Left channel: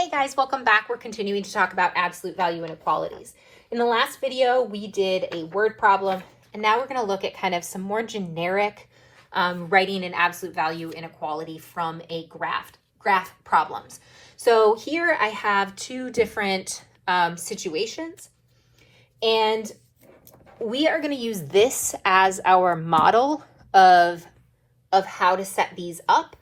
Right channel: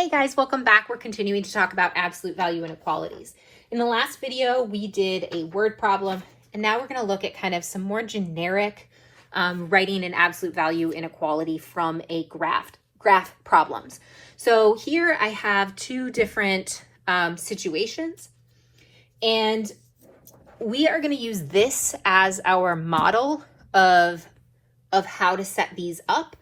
Hey guys, welcome back. We're continuing to talk about absolute value inequalities. In the last video, we did a word problem, and now we're going to look at kind of some more generic writing an absolute value inequality from a graph problems. So here I have two different situations, and we are going to use this as our model of how to set these up.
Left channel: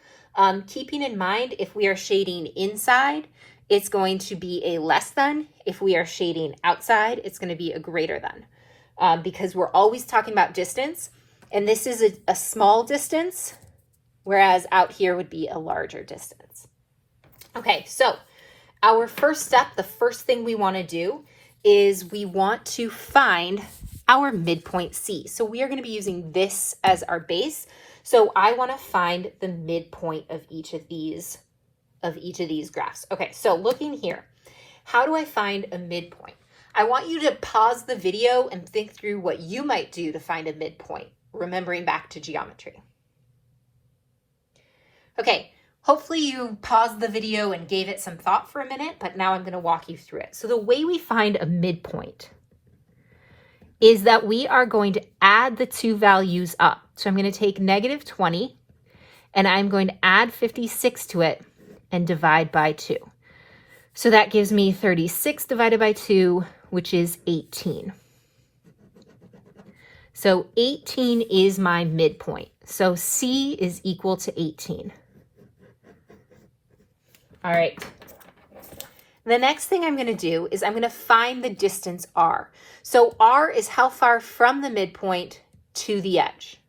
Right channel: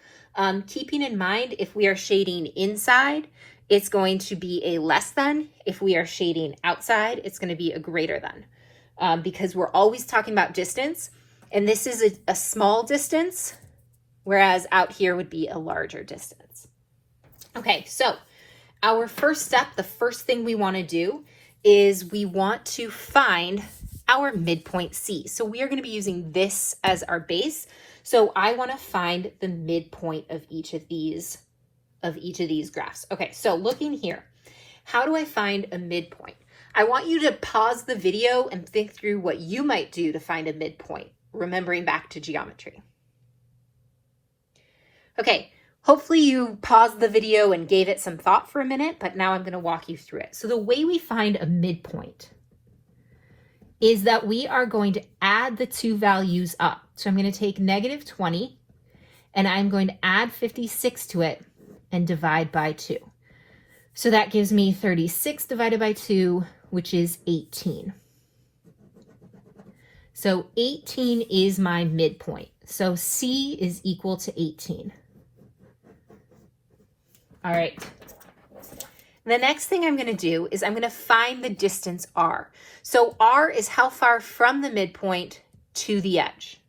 Keeping in mind, if we are shading inside, it's going to be a less than. If we are shading outside, it's going to be a greater than, because we're always talking about distance. And this is a small distance, whereas out here would be a larger distance. Okay, so our first step, the first thing we want to do is we want to find our midpoint C. So we are going to be using this as our base. So I want to find the midpoint of each of these graphs. Okay, so looking here, how do I find a midpoint? I want you to pause the video and think through what you might do to find a midpoint, remembering back to geometry. Okay, hopefully you paused the video and gave it some thought for a minute, but now I'm going to walk you through it. So the way we find a midpoint is that we are going to add the two values up. So I'm going to take negative 20 and I'm going to add 56 to it and divide by 2. So that gives me 36 divided by 2, which is 18. So 18 is my midpoint. So C is equal to 18. All right. The next thing I'm going to do is I'm going to find the distance R. So R is how far from the midpoint to the edge.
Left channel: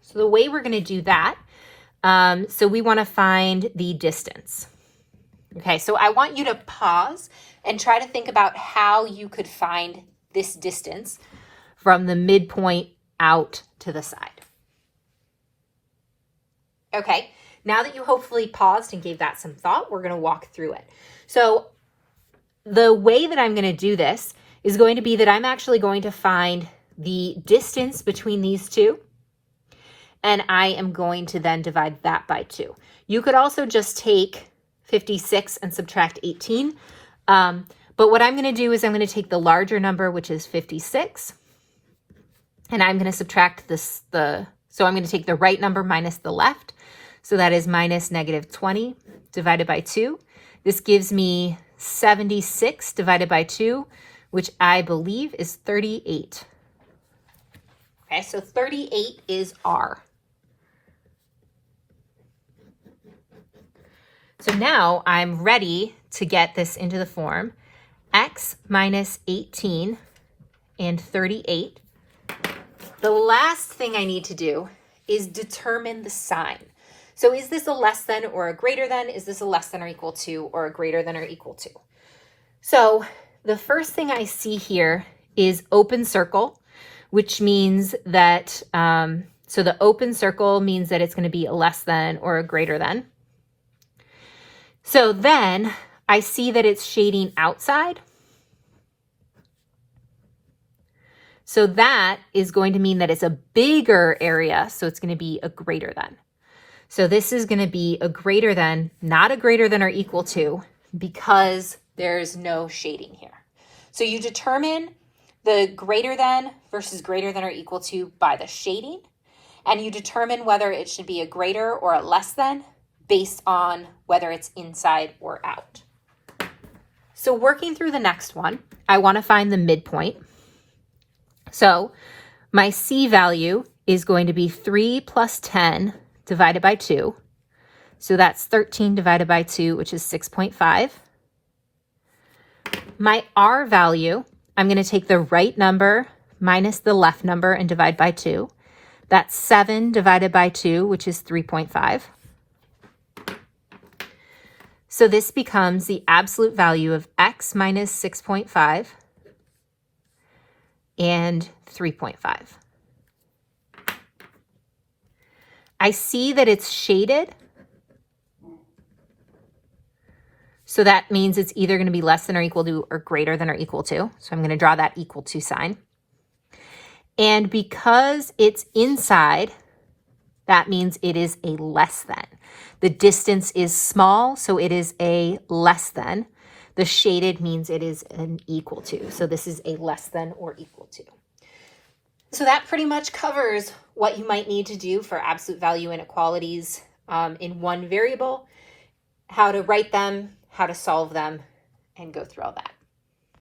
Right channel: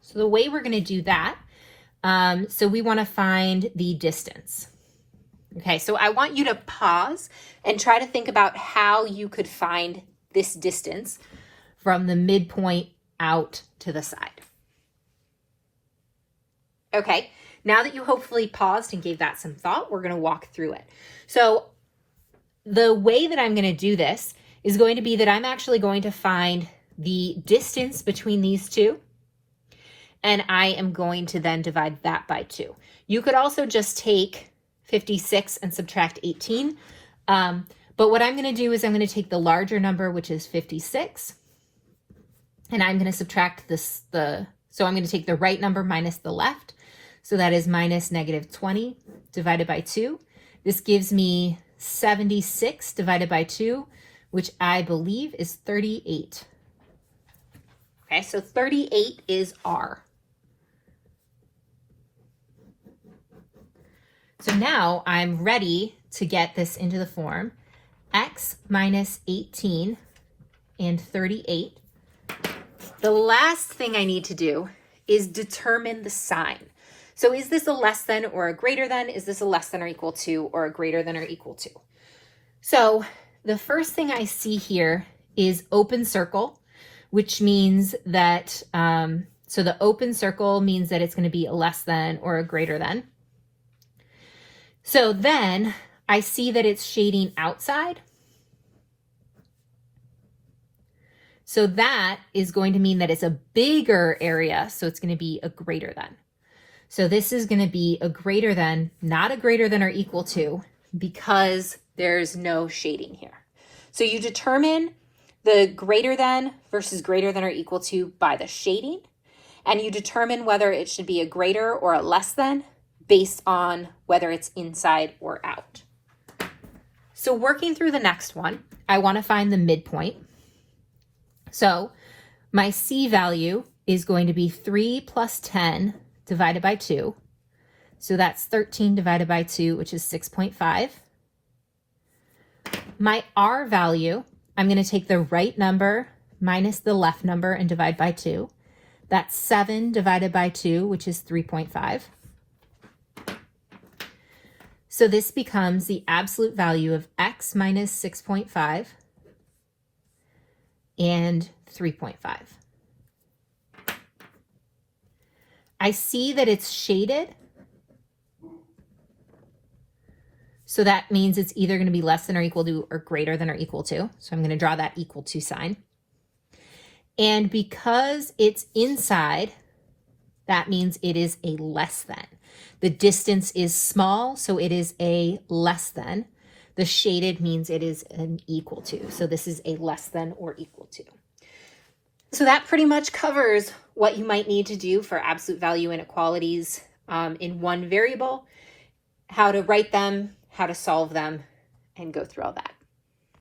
So the way we're going to do that, so we want to find the distance. Okay, so I want you to pause and try to think about how you could find this distance from the midpoint out to the side. Okay, now that you hopefully paused and gave that some thought, we're going to walk through it. So the way that I'm going to do this is going to be that I'm actually going to find the distance between these two, and I am going to then divide that by 2. You could also just take 56 and subtract 18, but what I'm going to do is I'm going to take the larger number, which is 56, and I'm going to subtract this, so I'm going to take the right number minus the left, so that is minus negative 20 divided by 2. This gives me 76 divided by 2, which I believe is 38. Okay, so 38 is R. So now I'm ready to get this into the form x minus 18 and 38. The last thing I need to do is determine the sign. So is this a less than or a greater than? Is this a less than or equal to or a greater than or equal to? So the first thing I see here is open circle, which means that, so the open circle means that it's going to be a less than or a greater than. So then I see that it's shading outside. So that is going to mean that it's a bigger area. So it's going to be a greater than. So this is going to be a greater than, not a greater than or equal to, because there's no shading here. So you determine the greater than versus greater than or equal to by the shading, and you determine whether it should be a greater or a less than based on whether it's inside or out. So working through the next one, I want to find the midpoint. So my C value is going to be 3 plus 10 divided by 2. So that's 13 divided by 2, which is 6.5. My R value, I'm going to take the right number minus the left number and divide by 2. That's 7 divided by 2, which is 3.5. So this becomes the absolute value of x minus 6.5 and 3.5. I see that it's shaded. So that means it's either going to be less than or equal to or greater than or equal to. So I'm going to draw that equal to sign. And because it's inside, that means it is a less than. The distance is small, so it is a less than. The shaded means it is an equal to. So this is a less than or equal to. So that pretty much covers what you might need to do for absolute value inequalities in one variable, how to write them, how to solve them, and go through all that.